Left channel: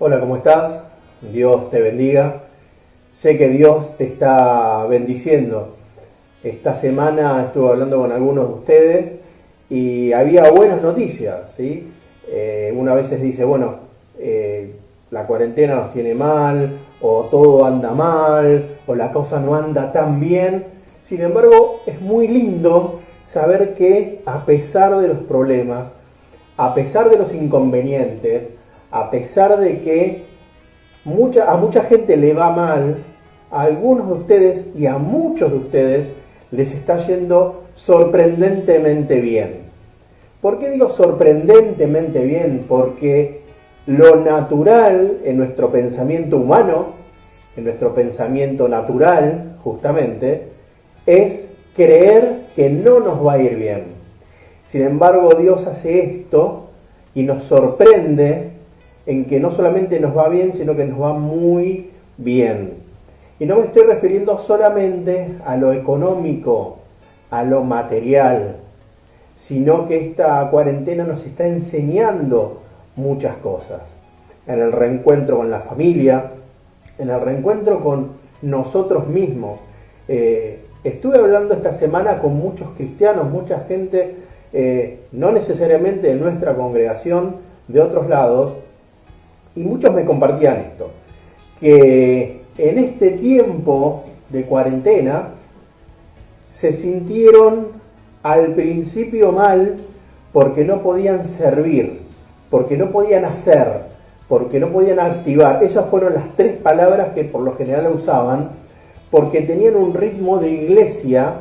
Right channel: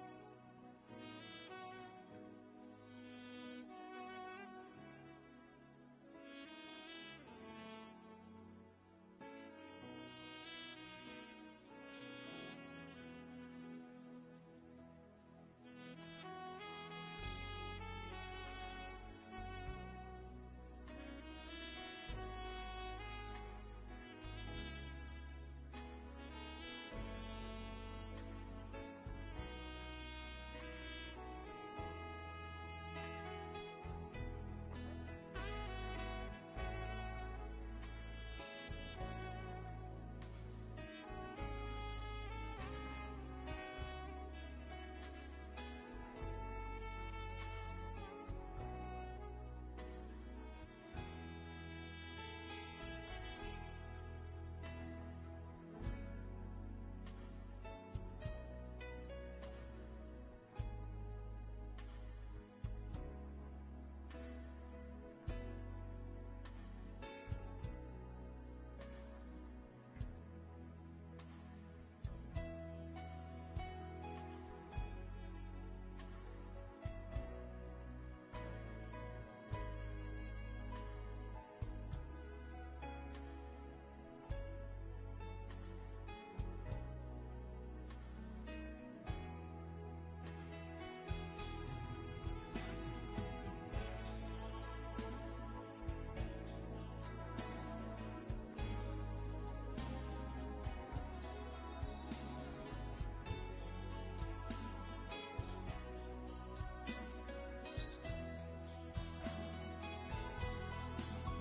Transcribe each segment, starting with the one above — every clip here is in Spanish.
Hola, ¿cómo estás? Dios te bendiga. Sé que Dios te está bendiciendo. Esta semana estuve hablando con algunos de ustedes y había buenas noticias, ¿sí? Una veces dice, bueno, la cuarentena nos tiene mal, o todo anda mal, o la cosa no anda tan bien. Sin embargo, es muy lindo saber que a pesar de los problemas, a pesar de los inconvenientes, a pesar de que a mucha gente le va mal, a algunos de ustedes y a muchos de ustedes les está yendo sorprendentemente bien. ¿Por qué digo sorprendentemente bien? Porque lo natural en nuestro pensamiento humano, en nuestro pensamiento natural, justamente, es creer que no nos va a ir bien. Sin embargo, Dios hace esto y nos sorprende en que no solamente nos va bien, sino que nos va muy bien. Y no me estoy refiriendo solamente a lo económico, a lo material, sino que esta cuarentena nos está enseñando muchas cosas. En el reencuentro con la familia, en el reencuentro con nosotros mismos. Estuve hablando esta semana con muchos cristianos, mucha gente, no necesariamente de nuestra congregación, de otros lados, y muchos me compartían esto, que en este tiempo de cuarentena se sintieron al principio mal porque no podían servir, porque no podían hacer, porque no podían activar. Esas fueron las tres palabras que por lo general usaban, porque tenían un ritmo de iglesia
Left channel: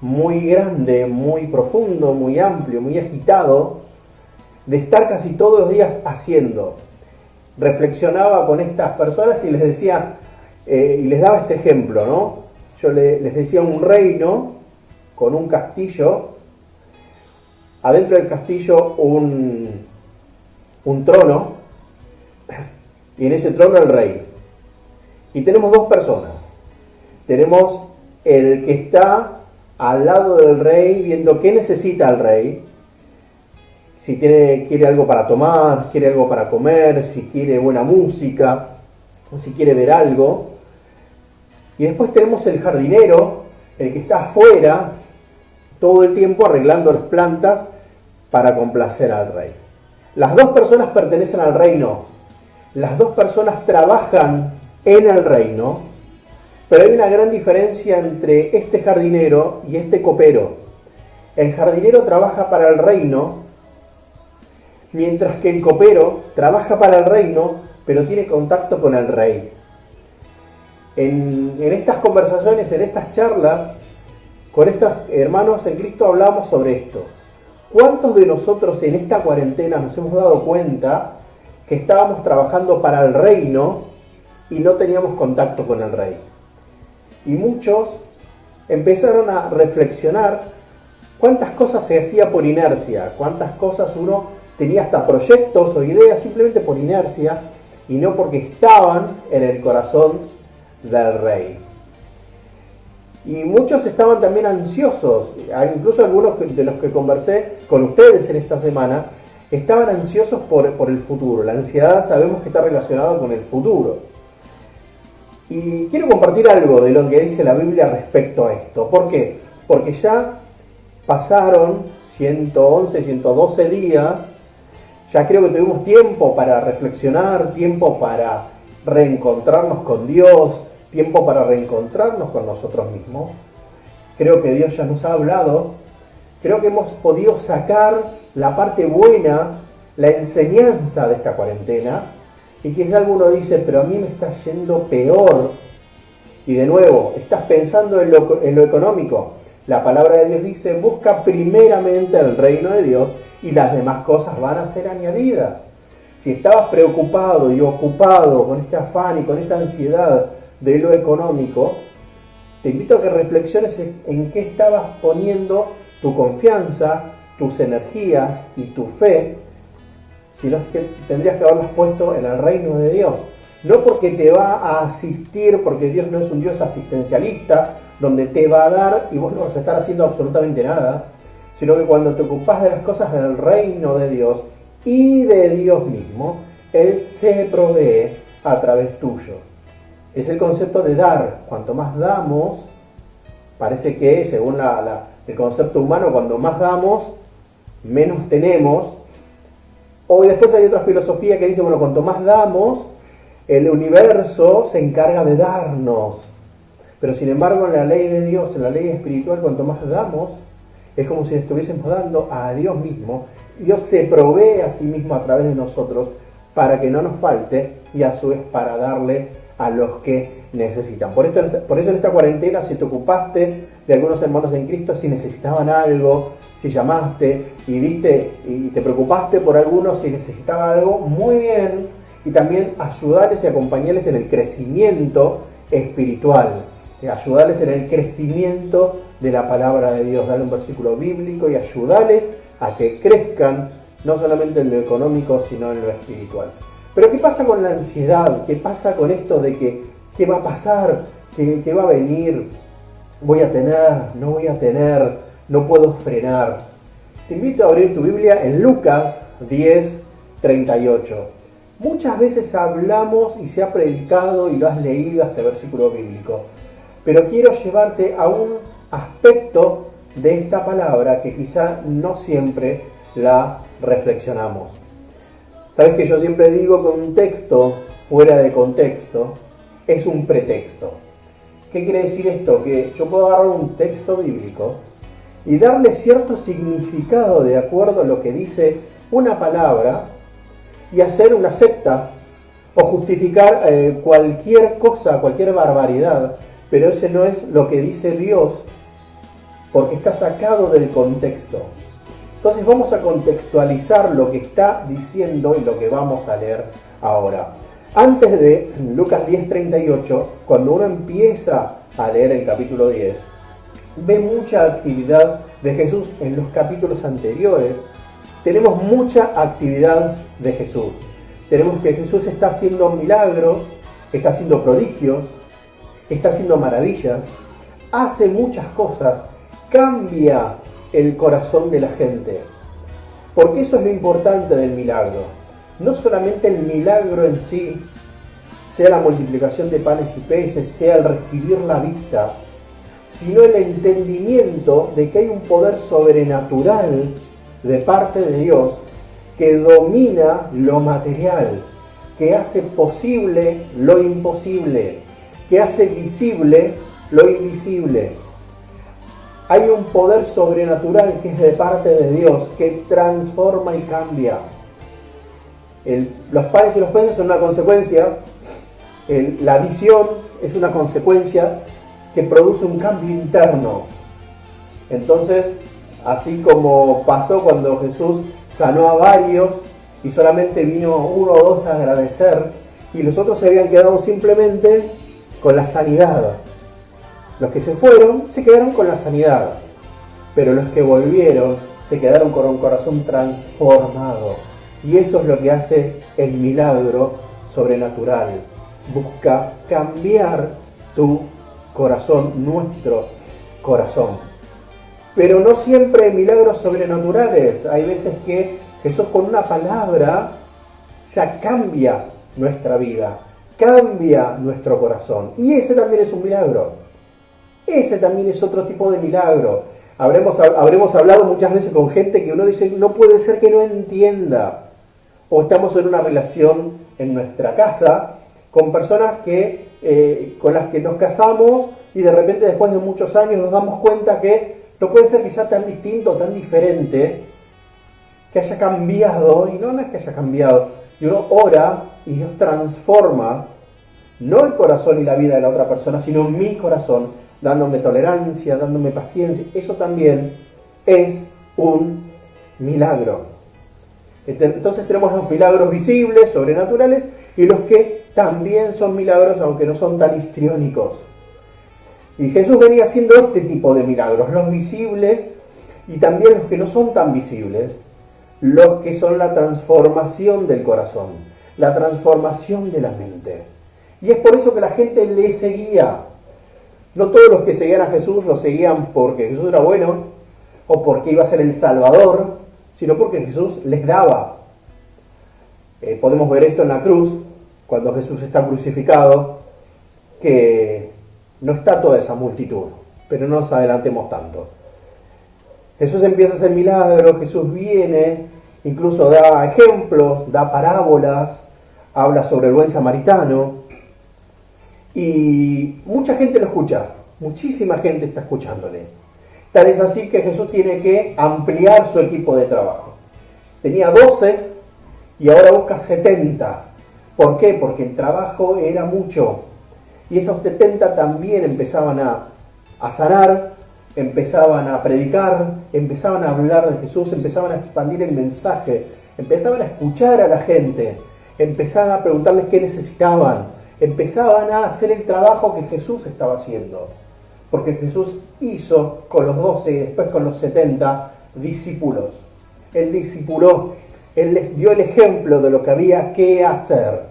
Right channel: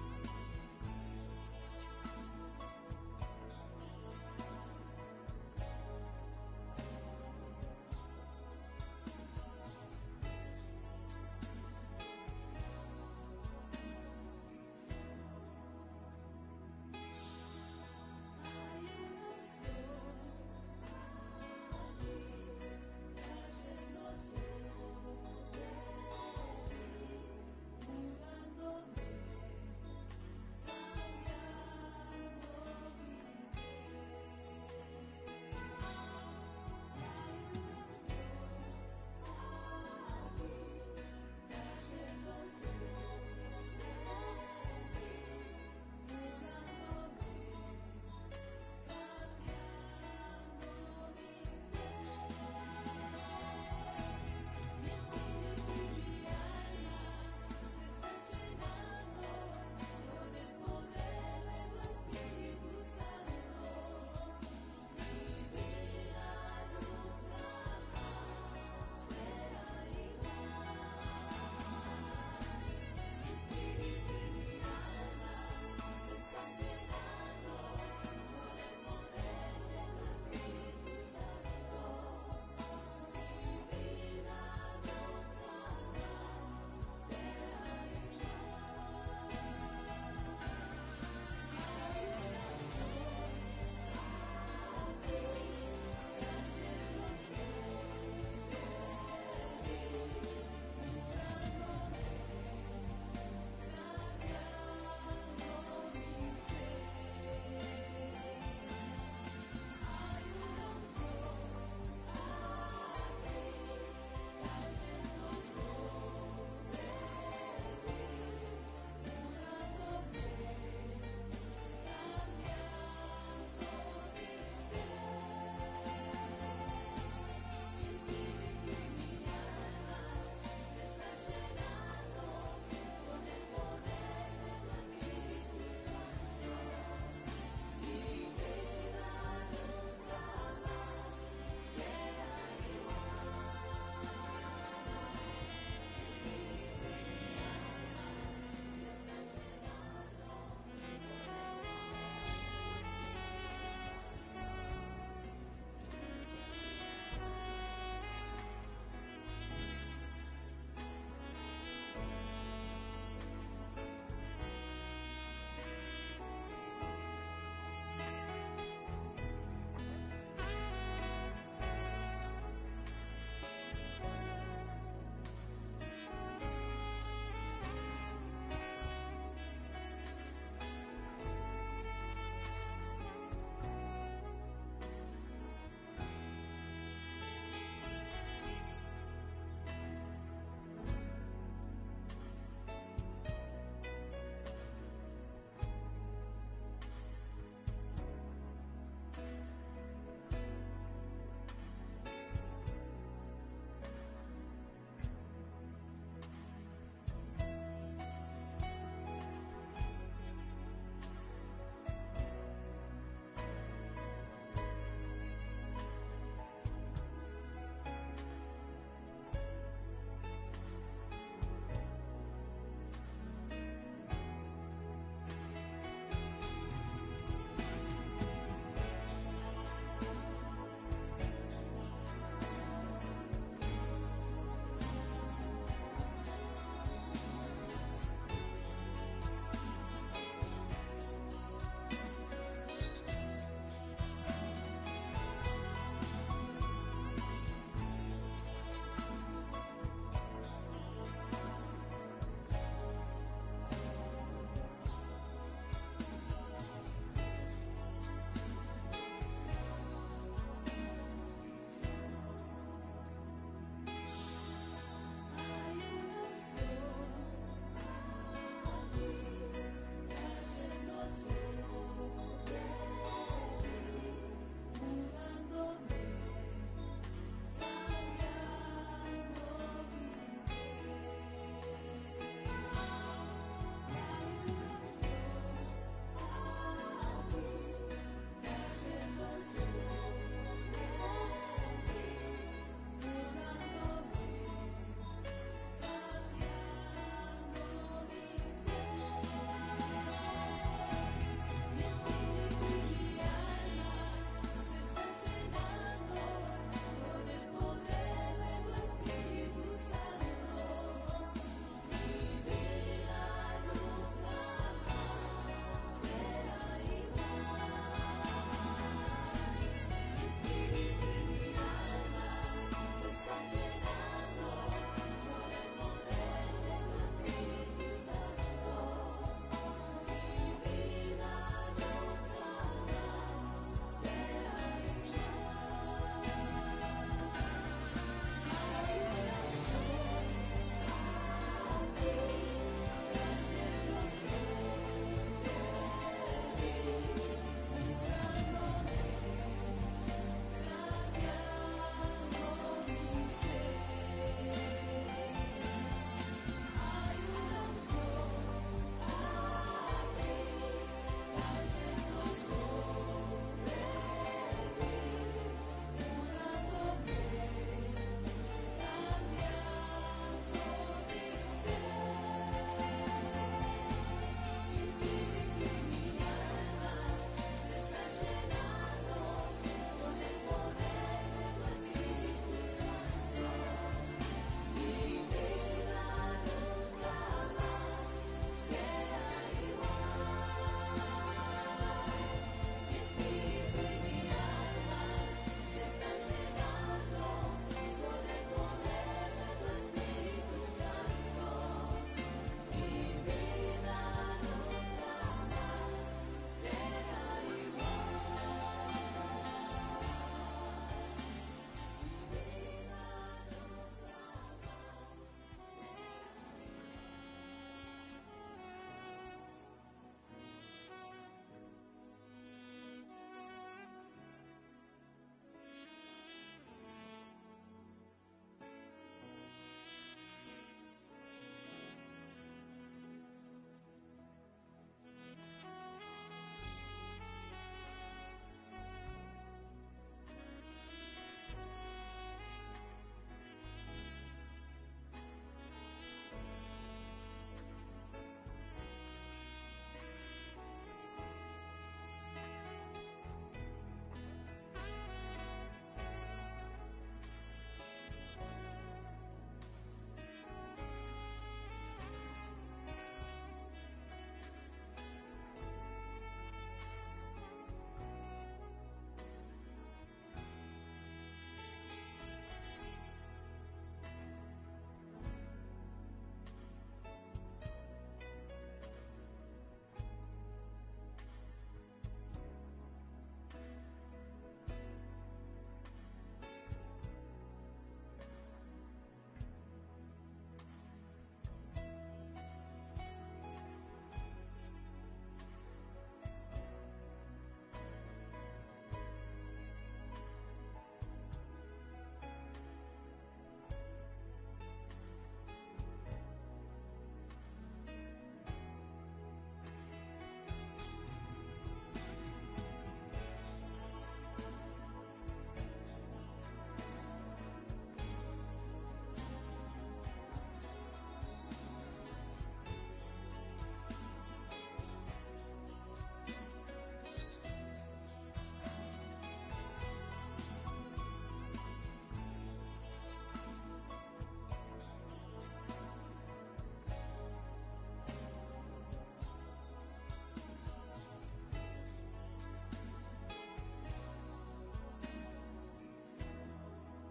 muy grande, muy profundo, muy amplio, muy agitado, de estar casi todos los días haciendo. Reflexionaba con estas personas y les decía, y les daba este ejemplo, ¿no? Yo les decía un reino con un castillo, adentro del castillo un trono, y en ese trono el rey. Y tenemos dos personas. Tenemos el que está al lado del rey viendo qué necesita el rey, si quiere algo para tomar, quiere algo para comer, si quiere buena música, o si quiere ver algo. Y después tenemos el jardinero, el que está afuera todo el tiempo arreglando las plantas para complacer al rey. Las dos personas pertenecen al reino, las dos personas trabajan en el reino, pero hay una gran diferencia entre este jardinero y este copero. El jardinero trabaja para el reino, mientras que el copero trabaja para el reino, pero tiene contacto con el rey. En estas conversaciones, en estas charlas, con estos hermanos en Cristo hablamos sobre esto. ¿Cuántos de nosotros en esta cuarentena nos hemos dado cuenta que estábamos trabajando para el reino y no teníamos contacto con el rey? Y muchos empezaron a reflexionar cuántas cosas se hacía por inercia, cuántas cosas uno tenía hasta proyectos o ideas simplemente por inercia y no porque estaban en el corazón del rey. Y muchos estaban también ansiosos, incluso algunos de los que conversé con ustedes en esta semana, estaban ansiosos por el futuro. La ansiedad sabemos que está relacionada con el futuro. Y quiero compartir algo de lo que dice la Biblia respecto a esto. ¿Por qué? Porque ya pasaron 111, 112 días, ya creo que tuvimos tiempo para reflexionar, tiempo para reencontrarnos con Dios, tiempo para reencontrarnos con nosotros mismos. Creo que Dios ya nos ha hablado, creo que hemos podido sacar la parte buena, la enseñanza de esta cuarentena, y quizá alguno dice, pero a mí me está yendo peor. Y de nuevo, estás pensando en lo económico. La palabra de Dios dice, busca primeramente el reino de Dios y las demás cosas van a ser añadidas. Si estabas preocupado y ocupado con este afán y con esta ansiedad de lo económico, te invito a que reflexiones en qué estabas poniendo tu confianza, tus energías y tu fe, sino que tendrías que haberlas puesto en el reino de Dios. No porque te va a asistir, porque Dios no es un Dios asistencialista, donde te va a dar y vos no vas a estar haciendo absolutamente nada, sino que cuando te ocupás de las cosas del reino de Dios y de Dios mismo, Él se provee a través tuyo. Es el concepto de dar. Cuanto más damos, parece que según el concepto humano, cuando más damos, menos tenemos. O después hay otra filosofía que dice, bueno, cuanto más damos, el universo se encarga de darnos. Pero sin embargo, en la ley de Dios, en la ley espiritual, cuanto más damos, es como si estuviésemos dando a Dios mismo. Dios se provee a sí mismo a través de nosotros para que no nos falte y a su vez para darle a los que necesitan. Por eso en esta cuarentena, si te ocupaste de algunos hermanos en Cristo, si necesitaban algo, si llamaste y viste y te preocupaste por algunos, si necesitaban algo, muy bien. Y también ayudarles y acompañarles en el crecimiento espiritual. Ayudarles en el crecimiento de la palabra de Dios, darle un versículo bíblico y ayudarles a que crezcan, no solamente en lo económico, sino en lo espiritual. Pero ¿qué pasa con la ansiedad? ¿Qué pasa con esto de que qué va a pasar? ¿Qué va a venir? ¿Voy a tener? ¿No voy a tener? ¿No puedo frenar? Te invito a abrir tu Biblia en Lucas 10:38. Muchas veces hablamos y se ha predicado y lo has leído este versículo bíblico. Pero quiero llevarte a un aspecto de esta palabra que quizá no siempre la reflexionamos. Sabes que yo siempre digo que un texto fuera de contexto es un pretexto. ¿Qué quiere decir esto? Que yo puedo agarrar un texto bíblico y darle cierto significado de acuerdo a lo que dice una palabra y hacer una secta o justificar cualquier cosa, cualquier barbaridad. Pero ese no es lo que dice Dios, porque está sacado del contexto. Entonces vamos a contextualizar lo que está diciendo y lo que vamos a leer ahora. Antes de Lucas 10:38, cuando uno empieza a leer el capítulo 10, ve mucha actividad de Jesús en los capítulos anteriores. Tenemos mucha actividad de Jesús. Tenemos que Jesús está haciendo milagros, está haciendo prodigios, está haciendo maravillas, hace muchas cosas, cambia el corazón de la gente. Porque eso es lo importante del milagro. No solamente el milagro en sí, sea la multiplicación de panes y peces, sea el recibir la vista, sino el entendimiento de que hay un poder sobrenatural de parte de Dios que domina lo material, que hace posible lo imposible, que hace visible lo invisible. Hay un poder sobrenatural que es de parte de Dios, que transforma y cambia. Los panes y los peces son una consecuencia, la visión es una consecuencia que produce un cambio interno. Entonces, así como pasó cuando Jesús sanó a varios y solamente vino uno o dos a agradecer, y los otros se habían quedado simplemente con la sanidad. Los que se fueron se quedaron con la sanidad, pero los que volvieron se quedaron con un corazón transformado. Y eso es lo que hace el milagro sobrenatural. Busca cambiar tu corazón, nuestro corazón. Pero no siempre hay milagros sobrenaturales. Hay veces que Jesús con una palabra ya cambia nuestra vida, cambia nuestro corazón. Y ese también es un milagro. Ese también es otro tipo de milagro. Habremos hablado muchas veces con gente que uno dice, no puede ser que no entienda. O estamos en una relación en nuestra casa con personas con las que nos casamos y de repente después de muchos años nos damos cuenta que no puede ser quizá tan distinto, tan diferente, que haya cambiado. Y no es que haya cambiado. Y uno ora y Dios transforma no el corazón y la vida de la otra persona, sino mi corazón, dándome tolerancia, dándome paciencia. Eso también es un milagro. Entonces tenemos los milagros visibles, sobrenaturales, y los que también son milagros, aunque no son tan histriónicos. Y Jesús venía haciendo este tipo de milagros, los visibles y también los que no son tan visibles, los que son la transformación del corazón, la transformación de la mente. Y es por eso que la gente le seguía. No todos los que seguían a Jesús lo seguían porque Jesús era bueno o porque iba a ser el Salvador, sino porque Jesús les daba. podemos ver esto en la cruz, cuando Jesús está crucificado, que no está toda esa multitud, pero no nos adelantemos tanto. Jesús empieza a hacer milagros, Jesús viene, incluso da ejemplos, da parábolas, habla sobre el buen samaritano, y mucha gente lo escucha, muchísima gente está escuchándole. Tal es así que Jesús tiene que ampliar su equipo de trabajo. Tenía 12 y ahora busca 70. ¿Por qué? Porque el trabajo era mucho. Y esos 70 también empezaban a sanar, empezaban a predicar, empezaban a hablar de Jesús, empezaban a expandir el mensaje, empezaban a escuchar a la gente, empezaban a preguntarles qué necesitaban, empezaban a hacer el trabajo que Jesús estaba haciendo. Porque Jesús hizo con los 12 y después con los 70 discípulos. Él discipuló, Él les dio el ejemplo de lo que había que hacer.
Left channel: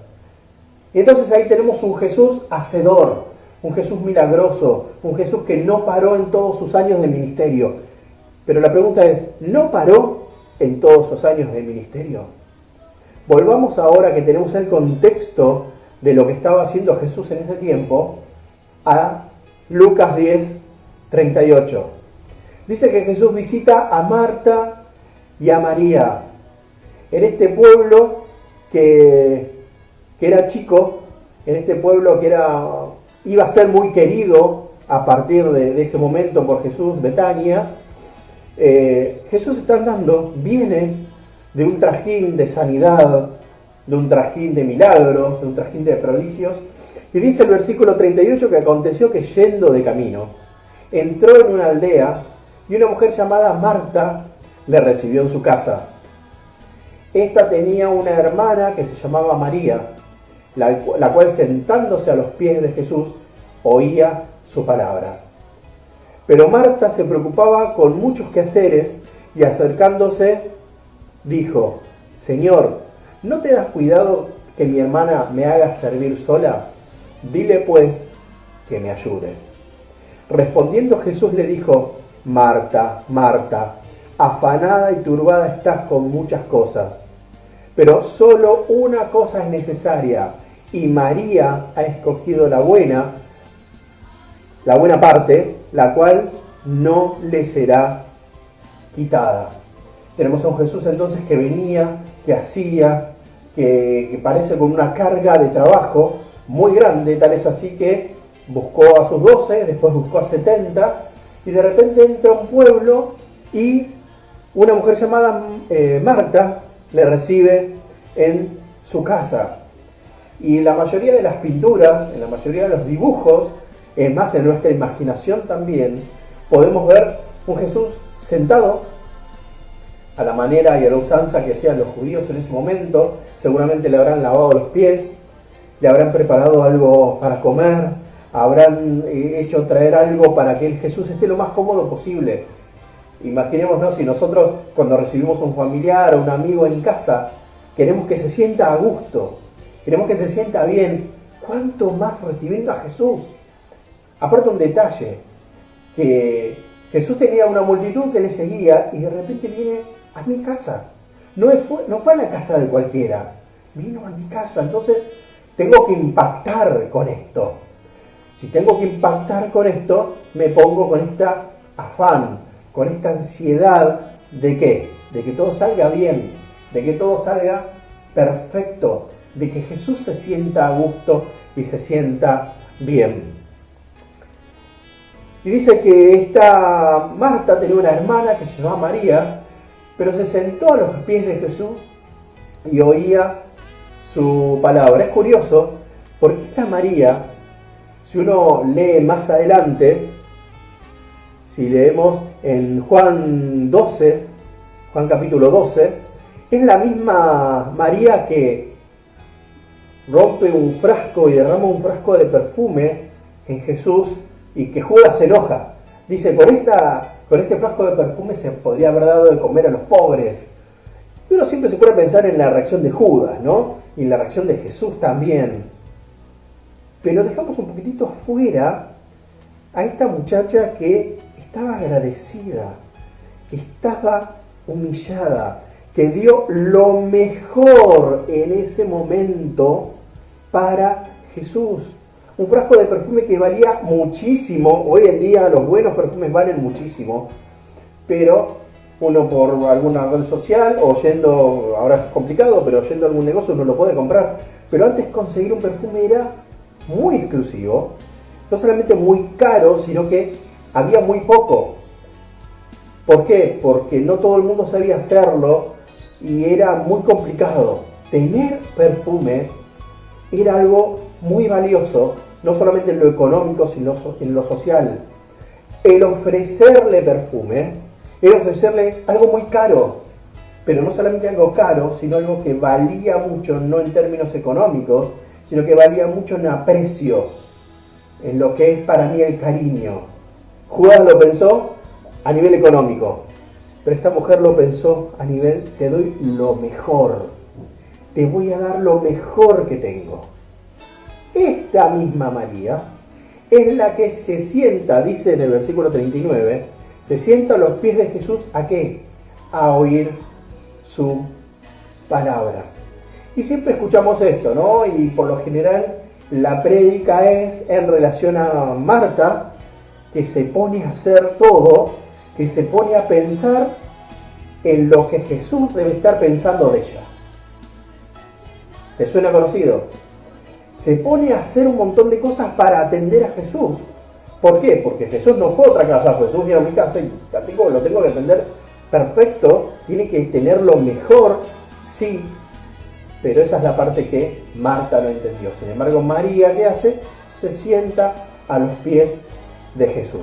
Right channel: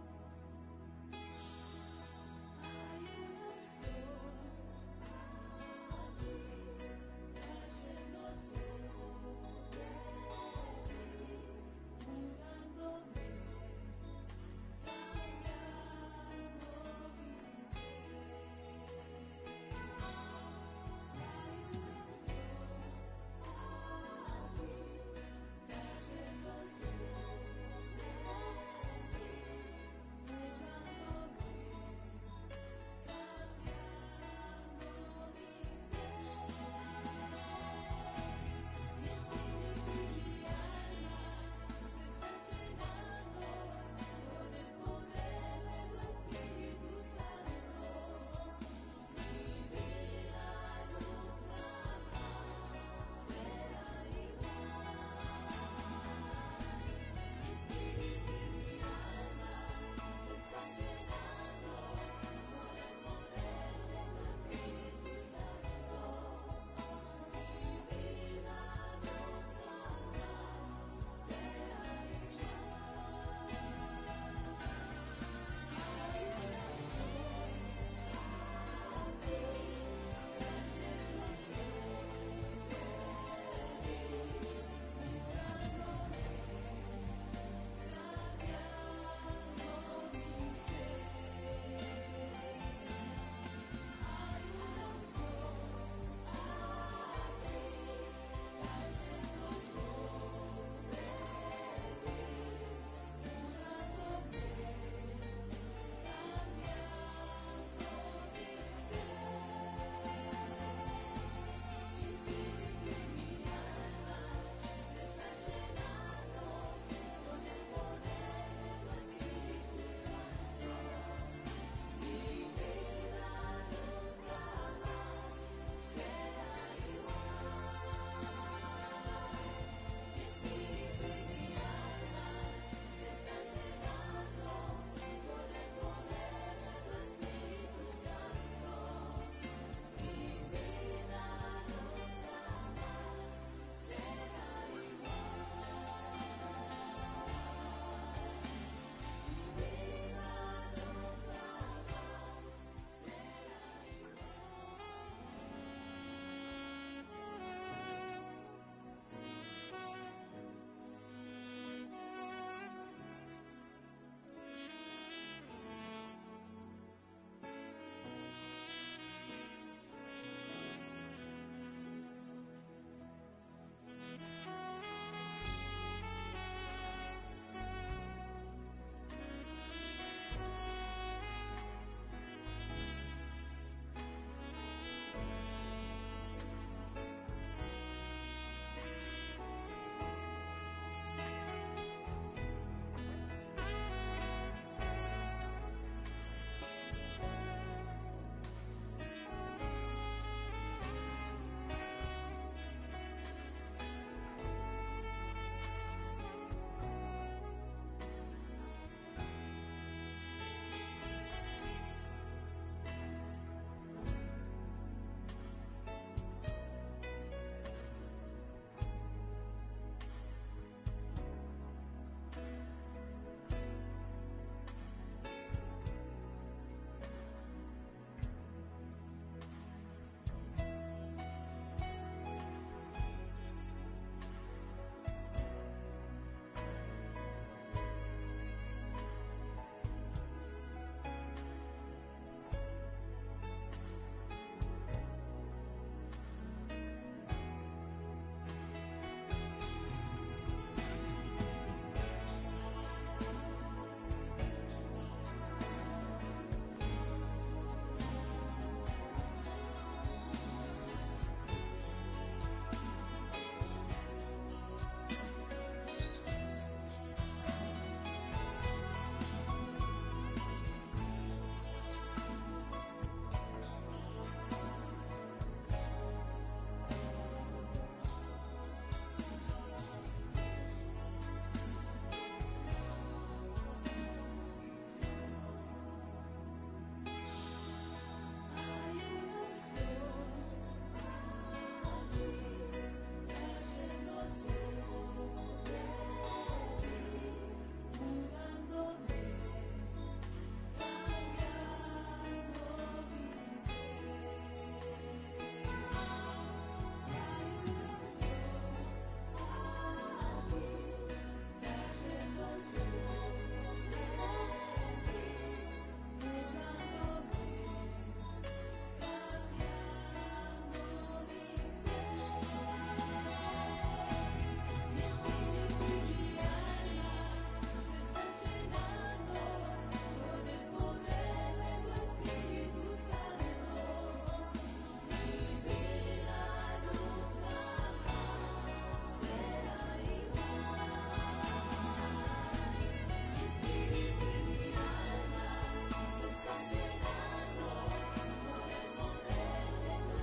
Y entonces ahí tenemos un Jesús hacedor, un Jesús milagroso, un Jesús que no paró en todos sus años de ministerio. Pero la pregunta es, ¿no paró en todos sus años de ministerio? Volvamos ahora que tenemos el contexto de lo que estaba haciendo Jesús en ese tiempo a Lucas 10, 38. Dice que Jesús visita a Marta y a María en este pueblo que era chico, en este pueblo que iba a ser muy querido a partir de ese momento por Jesús, Betania. Jesús está andando, viene de un trajín de sanidad, de un trajín de milagros, de un trajín de prodigios, y dice el versículo 38 que aconteció que yendo de camino, entró en una aldea y una mujer llamada Marta le recibió en su casa. Esta tenía una hermana que se llamaba María, la cual sentándose a los pies de Jesús oía su palabra. Pero Marta se preocupaba con muchos quehaceres y acercándose dijo: Señor, ¿no te das cuidado que mi hermana me haga servir sola? Dile pues que me ayude. Respondiendo Jesús le dijo: Marta, Marta, afanada y turbada estás con muchas cosas, pero solo una cosa es necesaria, y María ha escogido la buena parte, la cual no le será quitada. Tenemos a un Jesús entonces que venía, que hacía, que parece con una carga de trabajo muy grande, tal es así que buscó a sus 12, después buscó a 70, y de repente entra a un pueblo y una mujer llamada Marta le recibe en su casa. Y la mayoría de las pinturas, en la mayoría de los dibujos, más en nuestra imaginación también, podemos ver un Jesús sentado a la manera y a la usanza que hacían los judíos en ese momento. Seguramente le habrán lavado los pies, le habrán preparado algo para comer, habrán hecho traer algo para que Jesús esté lo más cómodo posible. Imaginémonos si nosotros cuando recibimos a un familiar o un amigo en casa, queremos que se sienta a gusto, queremos que se sienta bien, ¿cuánto más recibiendo a Jesús? Aparte un detalle, que Jesús tenía una multitud que le seguía y de repente viene a mi casa. No fue a la casa de cualquiera, vino a mi casa. Entonces tengo que impactar con esto. Si tengo que impactar con esto, me pongo con esta afán, con esta ansiedad de ¿qué? De que todo salga bien, de que todo salga perfecto, de que Jesús se sienta a gusto y se sienta bien. Y dice que esta Marta tenía una hermana que se llamaba María, pero se sentó a los pies de Jesús y oía su palabra. Es curioso, porque esta María, si uno lee más adelante, si leemos en Juan capítulo 12, es la misma María que rompe un frasco y derrama un frasco de perfume en Jesús y que Judas se enoja. Dice, con este frasco de perfume se podría haber dado de comer a los pobres. Y uno siempre se puede pensar en la reacción de Judas, ¿no? Y en la reacción de Jesús también. Pero dejamos un poquitito afuera a esta muchacha que estaba agradecida, que estaba humillada, que dio lo mejor en ese momento para Jesús. Un frasco de perfume que valía muchísimo. Hoy en día los buenos perfumes valen muchísimo, pero uno por alguna red social o yendo, ahora es complicado, pero yendo a algún negocio uno lo puede comprar. Pero antes conseguir un perfume era muy exclusivo, no solamente muy caro, sino que había muy poco. ¿Por qué? Porque no todo el mundo sabía hacerlo y era muy complicado. Tener perfume era algo muy valioso, no solamente en lo económico, sino en lo social. El ofrecerle perfume era ofrecerle algo muy caro, pero no solamente algo caro, sino algo que valía mucho, no en términos económicos, sino que valía mucho en aprecio, en lo que es para mí el cariño. Judas lo pensó a nivel económico, pero esta mujer lo pensó a nivel, te doy lo mejor, te voy a dar lo mejor que tengo. Esta misma María es la que se sienta, dice en el versículo 39, se sienta a los pies de Jesús, ¿a qué? A oír su palabra. Y siempre escuchamos esto, ¿no? Y por lo general la prédica es en relación a Marta, que se pone a hacer todo, que se pone a pensar en lo que Jesús debe estar pensando de ella. ¿Te suena conocido? Se pone a hacer un montón de cosas para atender a Jesús. ¿Por qué? Porque Jesús no fue a otra casa, Jesús vino a mi casa y lo tengo que atender perfecto, tiene que tener lo mejor, sí, pero esa es la parte que Marta no entendió. Sin embargo, María, ¿qué hace? Se sienta a los pies de Jesús.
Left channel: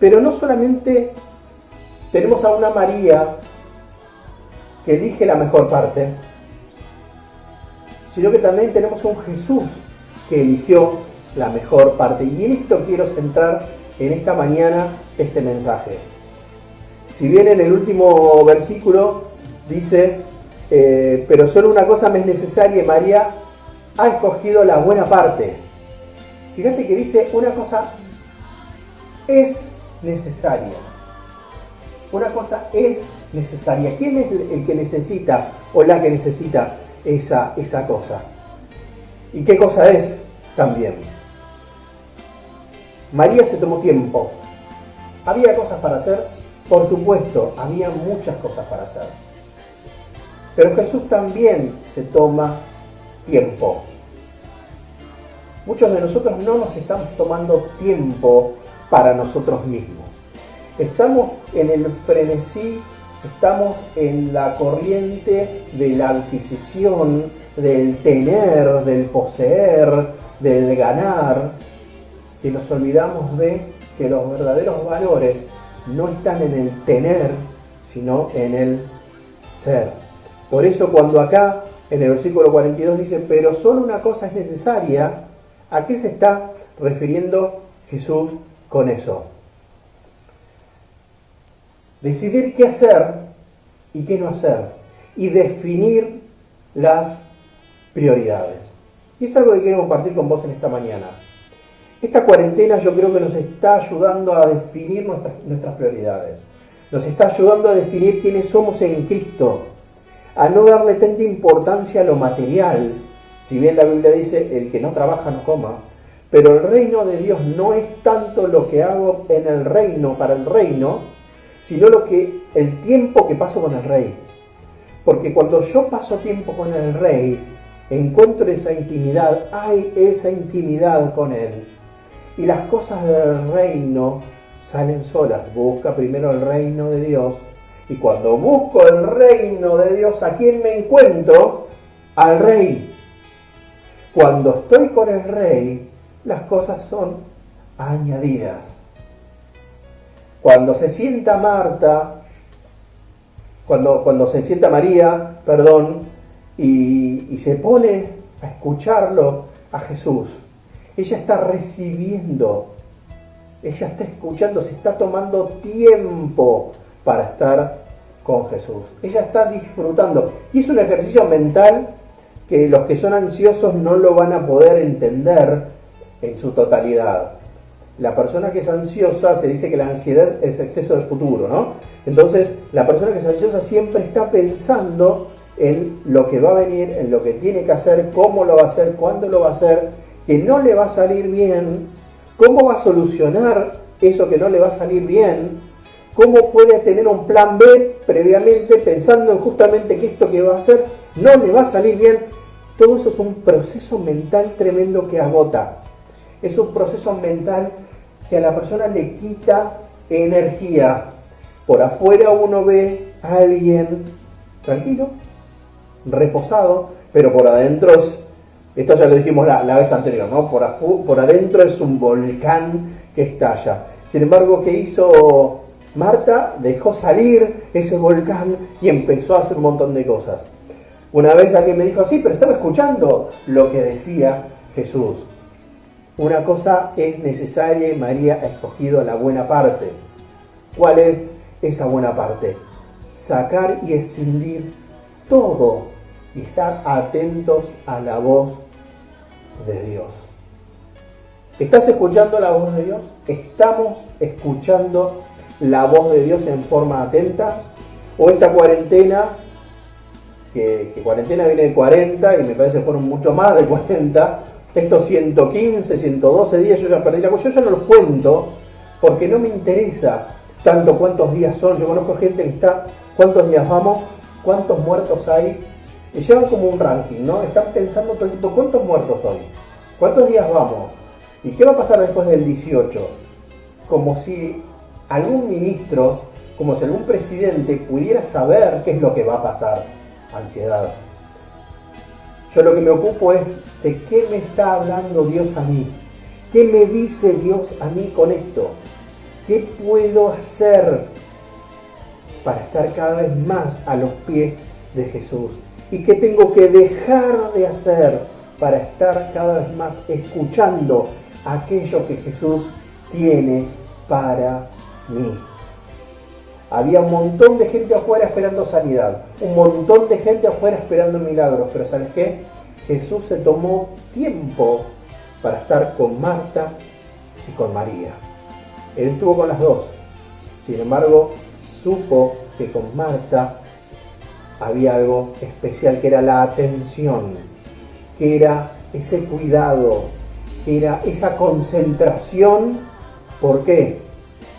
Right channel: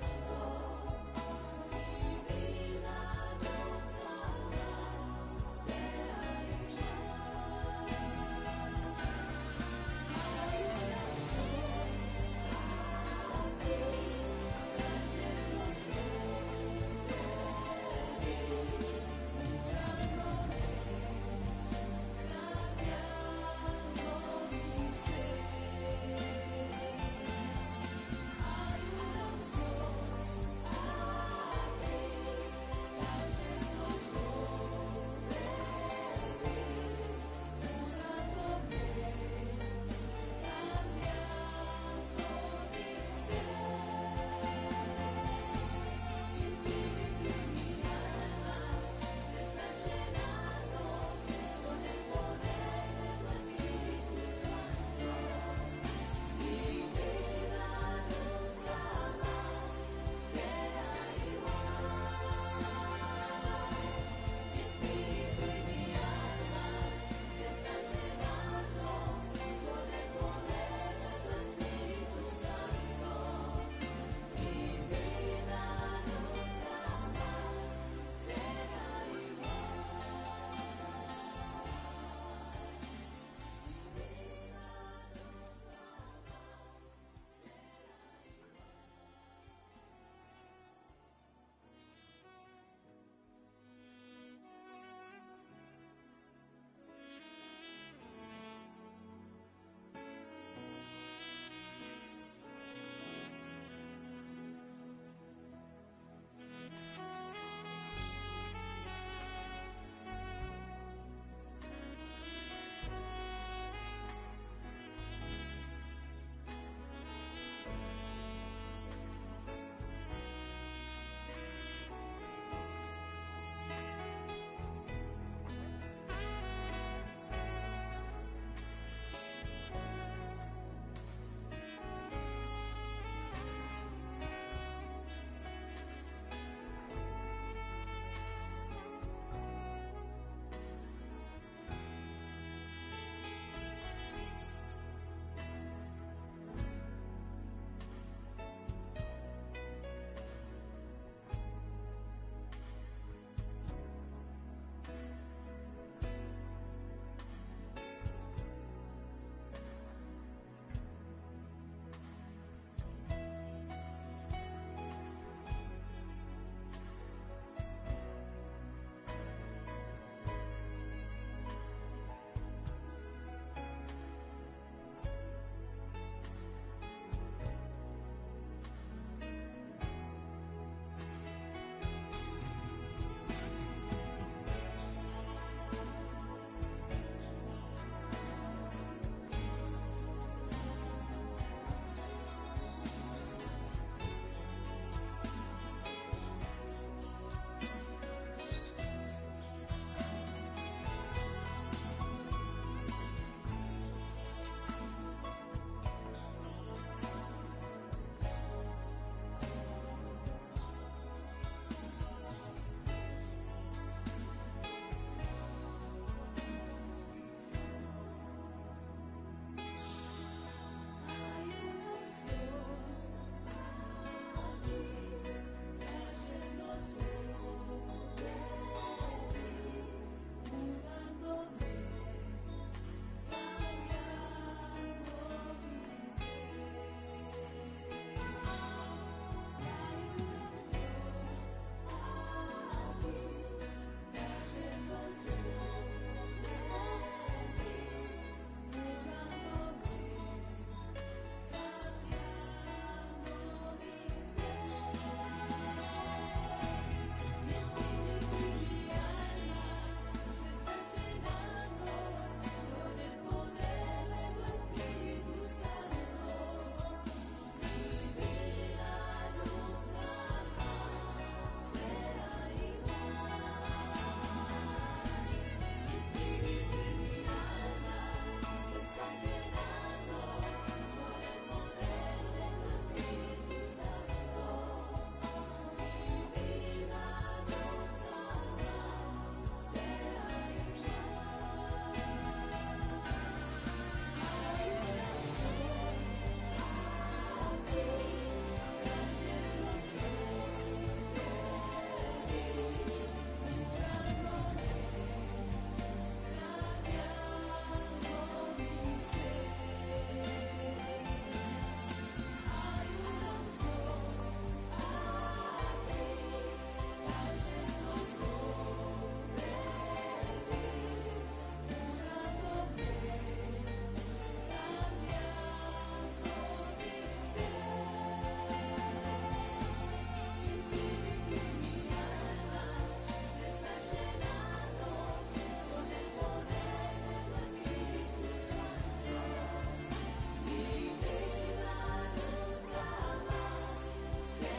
Pero no solamente tenemos a una María que elige la mejor parte, sino que también tenemos a un Jesús que eligió la mejor parte. Y en esto quiero centrar en esta mañana este mensaje. Si bien en el último versículo dice, pero solo una cosa me es necesaria y María ha escogido la buena parte. Fíjate que dice una cosa es necesaria. Una cosa es necesaria. ¿Quién es el que necesita o la que necesita esa cosa? ¿Y qué cosa es también? María se tomó tiempo. ¿Había cosas para hacer? Por supuesto, había muchas cosas para hacer. Pero Jesús también se toma tiempo. Muchos de nosotros no nos estamos tomando tiempo para nosotros mismos. Estamos en el frenesí, estamos en la corriente de la adquisición, del tener, del poseer, del ganar, que nos olvidamos de que los verdaderos valores no están en el tener, sino en el ser. Por eso cuando acá en el versículo 42 dice, pero solo una cosa es necesaria, ¿a qué se está refiriendo Jesús con eso? Decidir qué hacer y qué no hacer, y definir las prioridades. Y es algo que quiero compartir con vos en esta mañana. Esta cuarentena yo creo que nos está ayudando a definir nuestras prioridades. Nos está ayudando a definir quiénes somos en Cristo, a no darle tanta importancia a lo material. Si bien la Biblia dice, el que no trabaja no coma, pero el reino de Dios no es tanto lo que hago en el reino, para el reino, sino el tiempo que paso con el Rey. Porque cuando yo paso tiempo con el Rey, encuentro esa intimidad, hay esa intimidad con Él. Y las cosas del reino salen solas. Busca primero el reino de Dios. Y cuando busco el reino de Dios, ¿a quién me encuentro? Al Rey. Cuando estoy con el Rey, las cosas son añadidas. Cuando se sienta cuando se sienta María, y se pone a escucharlo a Jesús, ella está recibiendo, ella está escuchando, se está tomando tiempo para estar con Jesús. Ella está disfrutando. Y es un ejercicio mental que los que son ansiosos no lo van a poder entender en su totalidad. la persona que es ansiosa, se dice que la ansiedad es exceso del futuro, ¿no? Entonces, la persona que es ansiosa siempre está pensando en lo que va a venir, en lo que tiene que hacer, cómo lo va a hacer, cuándo lo va a hacer, que no le va a salir bien, cómo va a solucionar eso que no le va a salir bien, cómo puede tener un plan B previamente pensando en justamente que esto que va a hacer no le va a salir bien. Todo eso es un proceso mental tremendo que agota. Es un proceso mental que a la persona le quita energía. Por afuera uno ve a alguien tranquilo, reposado, pero por adentro esto ya lo dijimos la vez anterior, ¿no? Por adentro es un volcán que estalla. Sin embargo, ¿qué hizo Marta? Dejó salir ese volcán y empezó a hacer un montón de cosas. Una vez alguien me dijo, sí, pero estaba escuchando lo que decía Jesús. Una cosa es necesaria y María ha escogido la buena parte. ¿Cuál es esa buena parte? Sacar y escindir todo y estar atentos a la voz de Dios. ¿Estás escuchando la voz de Dios? ¿Estamos escuchando la voz de Dios en forma atenta? ¿O esta cuarentena, que cuarentena viene de 40 y me parece que fueron mucho más de 40, estos 115, 112 días yo ya perdí la cuenta, yo ya no los cuento porque no me interesa tanto cuántos días son. Yo conozco gente que está, cuántos días vamos, cuántos muertos hay, y llevan como un ranking, ¿no? Están pensando todo el tiempo, ¿cuántos muertos hoy? ¿Cuántos días vamos? ¿Y qué va a pasar después del 18? Como si algún ministro, como si algún presidente pudiera saber qué es lo que va a pasar. Ansiedad. Yo lo que me ocupo es de qué me está hablando Dios a mí. ¿Qué me dice Dios a mí con esto? ¿Qué puedo hacer para estar cada vez más a los pies de Jesús? ¿Y qué tengo que dejar de hacer para estar cada vez más escuchando aquello que Jesús tiene para mí? Había un montón de gente afuera esperando sanidad, un montón de gente afuera esperando milagros, pero ¿sabes qué? Jesús se tomó tiempo para estar con Marta y con María. Él estuvo con las dos. Sin embargo, supo que con Marta había algo especial, que era la atención, que era ese cuidado, que era esa concentración. ¿Por qué?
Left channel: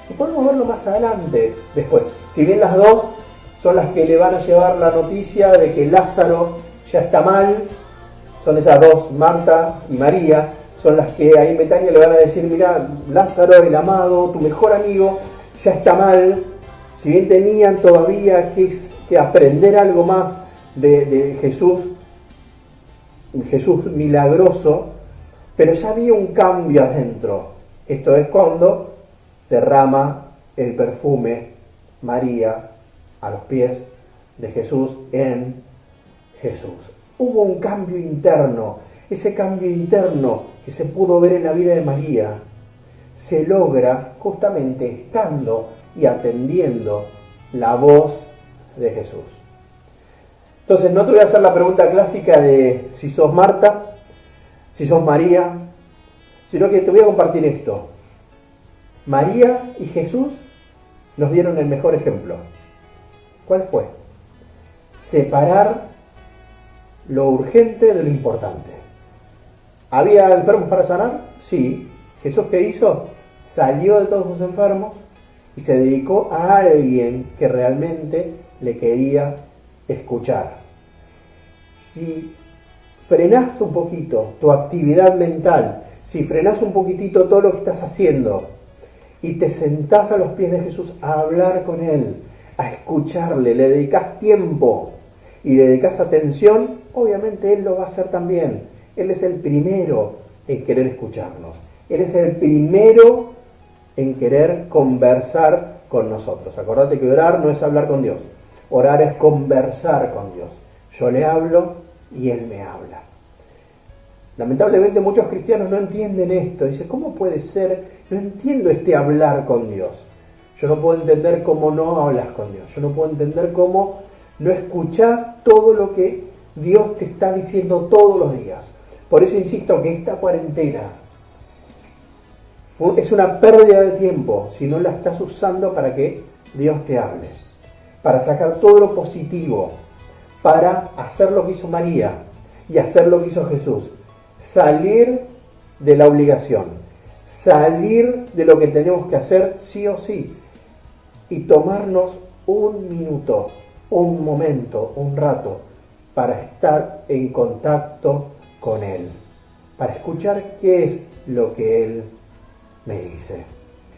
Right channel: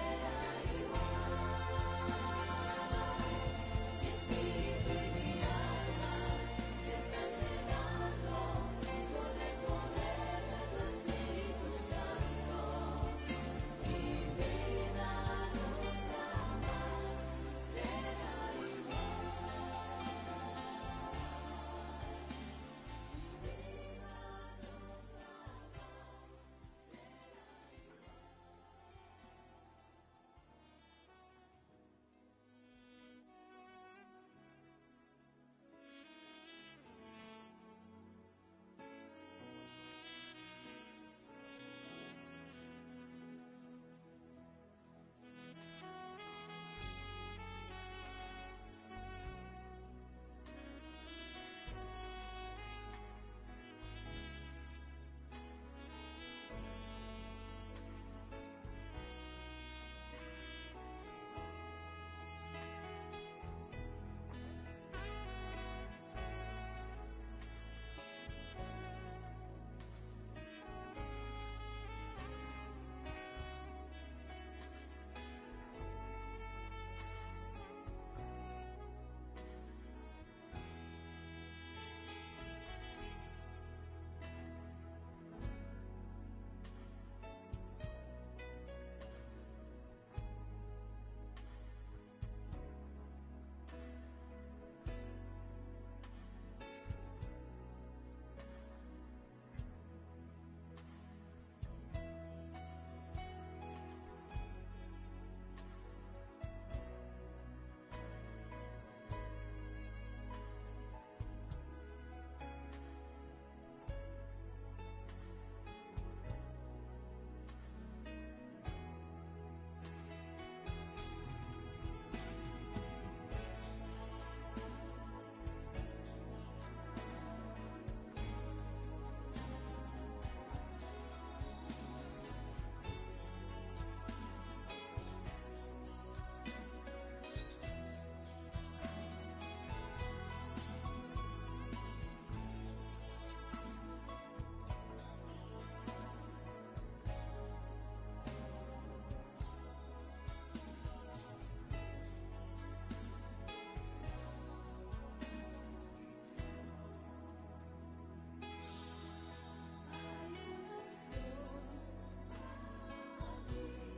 Y podemos verlo más adelante, después. Si bien las dos son las que le van a llevar la noticia de que Lázaro ya está mal, son esas dos, Marta y María, son las que ahí en Betania le van a decir, mira, Lázaro, el amado, tu mejor amigo, ya está mal. Si bien tenían todavía que aprender algo más de Jesús milagroso, pero ya había un cambio adentro. Esto es cuando derrama el perfume María a los pies de Jesús en Jesús. Hubo un cambio interno. Ese cambio interno que se pudo ver en la vida de María se logra justamente estando y atendiendo la voz de Jesús. Entonces no te voy a hacer la pregunta clásica de si sos Marta, si sos María, sino que te voy a compartir esto. María y Jesús nos dieron el mejor ejemplo. ¿Cuál fue? Separar lo urgente de lo importante. ¿Había enfermos para sanar? Sí. ¿Jesús qué hizo? Salió de todos sus enfermos y se dedicó a alguien que realmente le quería escuchar. Si frenás un poquito tu actividad mental, si frenás un poquitito todo lo que estás haciendo y te sentás a los pies de Jesús a hablar con Él, a escucharle, le dedicás tiempo y le dedicás atención, obviamente Él lo va a hacer también. Él es el primero en querer escucharnos. Él es el primero en querer conversar con nosotros. Acordate que orar no es hablar con Dios. Orar es conversar con Dios. Yo le hablo y Él me habla. Lamentablemente muchos cristianos no entienden esto. Dicen, ¿cómo puede ser? No entiendo este hablar con Dios. Yo no puedo entender cómo no hablas con Dios. Yo no puedo entender cómo no escuchás todo lo que Dios te está diciendo todos los días. Por eso insisto que esta cuarentena Es una pérdida de tiempo si no la estás usando para que Dios te hable, para sacar todo lo positivo, para hacer lo que hizo María y hacer lo que hizo Jesús. Salir de la obligación, salir de lo que tenemos que hacer sí o sí y tomarnos un minuto, un momento, un rato para estar en contacto con Él, para escuchar qué es lo que Él me dice.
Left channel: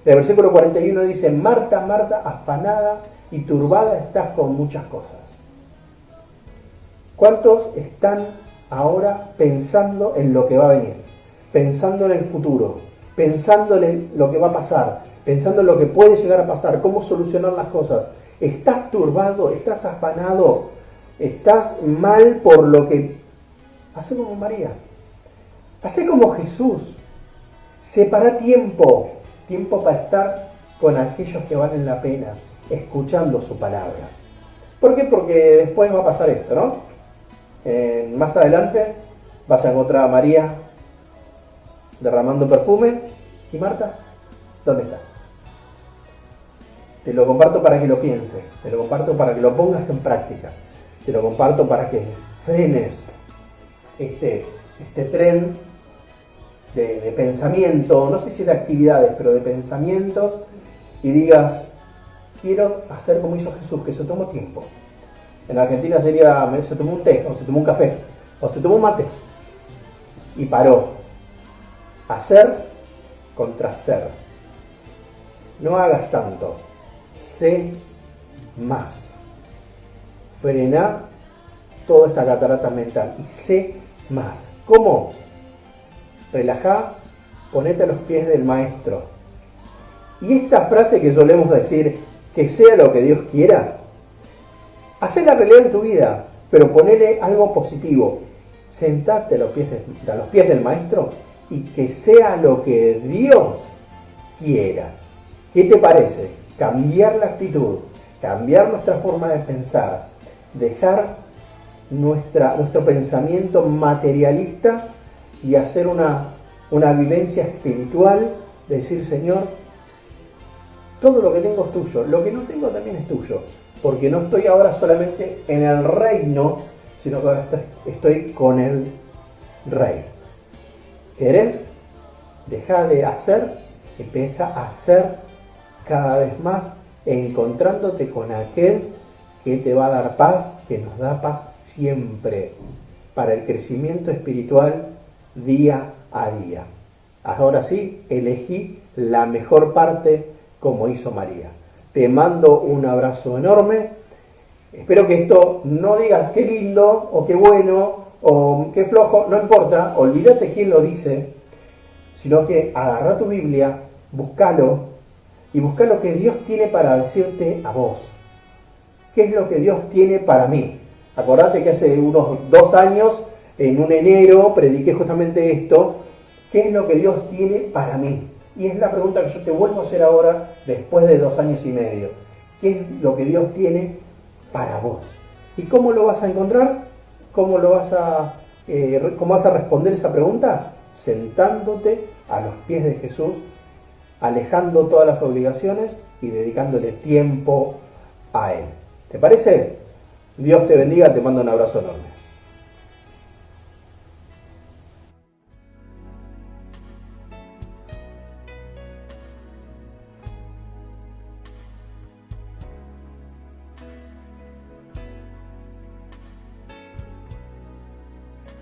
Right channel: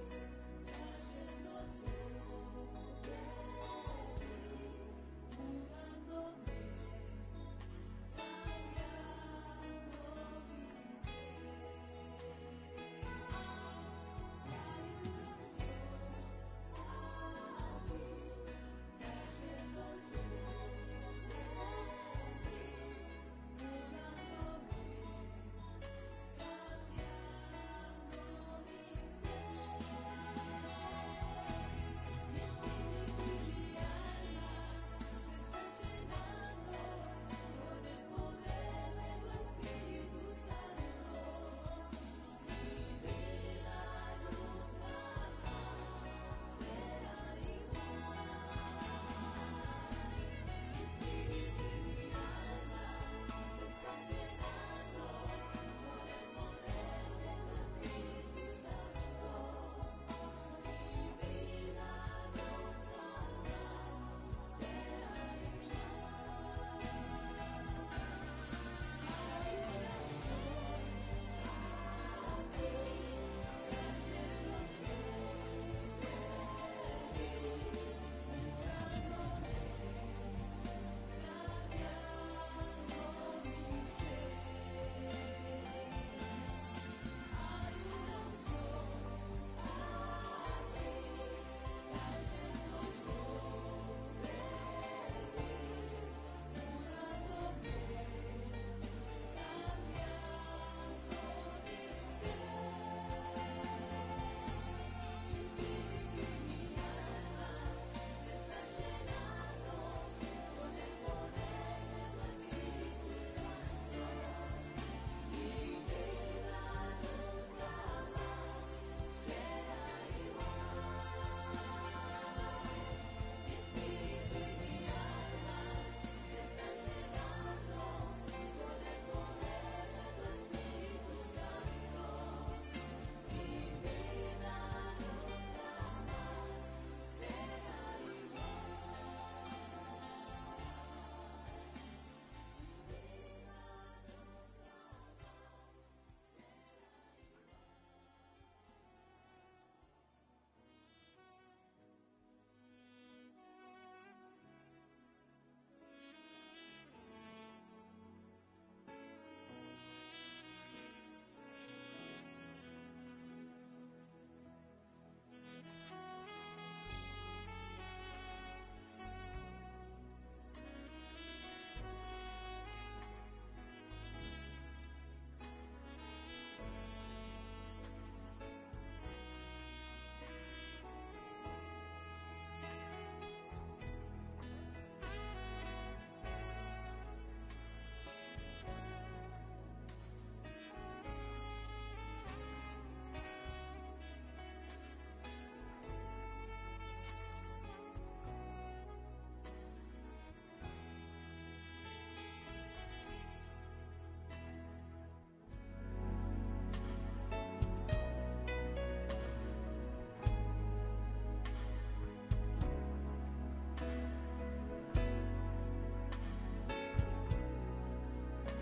El versículo 41 dice: Marta, Marta, afanada y turbada estás con muchas cosas. ¿Cuántos están ahora pensando en lo que va a venir? Pensando en el futuro, pensando en lo que va a pasar, pensando en lo que puede llegar a pasar, cómo solucionar las cosas. ¿Estás turbado? ¿Estás afanado? ¿Estás mal por lo que...? Hacé como María. Hacé como Jesús. Separa tiempo para estar con aquellos que valen la pena, escuchando su palabra. ¿Por qué? Porque después va a pasar esto, ¿no? Más adelante vas a encontrar a María derramando perfume. ¿Y Marta? ¿Dónde está? Te lo comparto para que lo pienses, te lo comparto para que lo pongas en práctica, te lo comparto para que frenes este tren de pensamiento, no sé si de actividades, pero de pensamientos, y digas: quiero hacer como hizo Jesús, que se tomó tiempo. En Argentina sería: se tomó un té, o se tomó un café, o se tomó un mate, y paró. Hacer contra ser. No hagas tanto, sé más. Frená toda esta catarata mental y sé más. ¿Cómo? Relajá, ponete a los pies del maestro. Y esta frase que solemos decir, que sea lo que Dios quiera, hacé la realidad en tu vida, pero ponele algo positivo. Sentate a los pies del maestro y que sea lo que Dios quiera. ¿Qué te parece? Cambiar la actitud, cambiar nuestra forma de pensar, dejar nuestro pensamiento materialista y hacer una vivencia espiritual, decir: Señor, todo lo que tengo es tuyo, lo que no tengo también es tuyo, porque no estoy ahora solamente en el reino, sino que ahora estoy con el Rey. ¿Querés? Deja de hacer, empieza a hacer cada vez más, encontrándote con aquel que te va a dar paz, que nos da paz siempre, para el crecimiento espiritual día a día. Ahora sí, elegí la mejor parte como hizo María. Te mando un abrazo enorme. Espero que esto no digas qué lindo o qué bueno o qué flojo, no importa, olvídate quién lo dice, sino que agarra tu Biblia, búscalo y busca lo que Dios tiene para decirte a vos. ¿Qué es lo que Dios tiene para mí? Acordate que hace unos 2 años, en un enero, prediqué justamente esto. ¿Qué es lo que Dios tiene para mí? Y es la pregunta que yo te vuelvo a hacer ahora, después de 2 años y medio. ¿Qué es lo que Dios tiene para vos? ¿Y cómo lo vas a encontrar? ¿Cómo vas a responder esa pregunta? Sentándote a los pies de Jesús, alejando todas las obligaciones y dedicándole tiempo a Él. ¿Te parece? Dios te bendiga, te mando un abrazo enorme.